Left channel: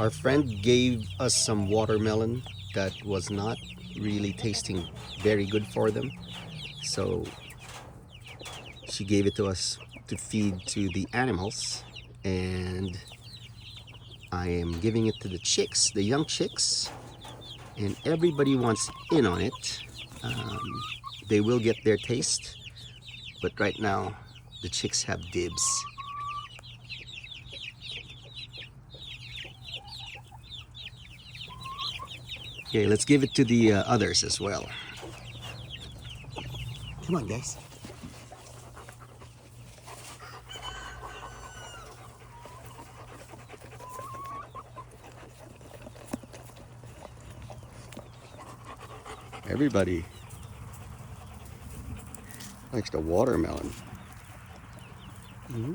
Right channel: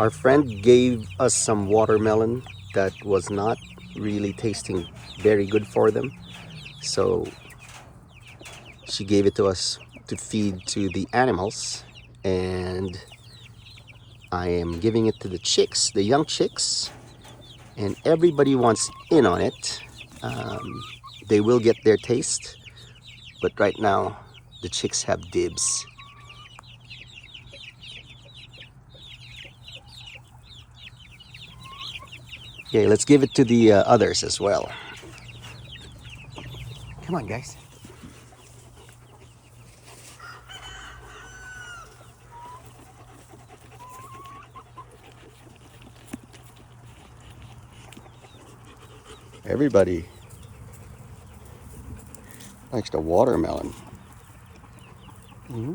Our friend gave us some watermelon that was not really tasting very good for them. So she gave it to us to feed to the animals. And I am giving it to the chicks, the young chicks. And everybody wants in on it. They will get their taste. But right now, the chicks have dibs. Okay, let's give it to the others as well. Come on, guys. Everybody likes the watermelon. Mm-hmm.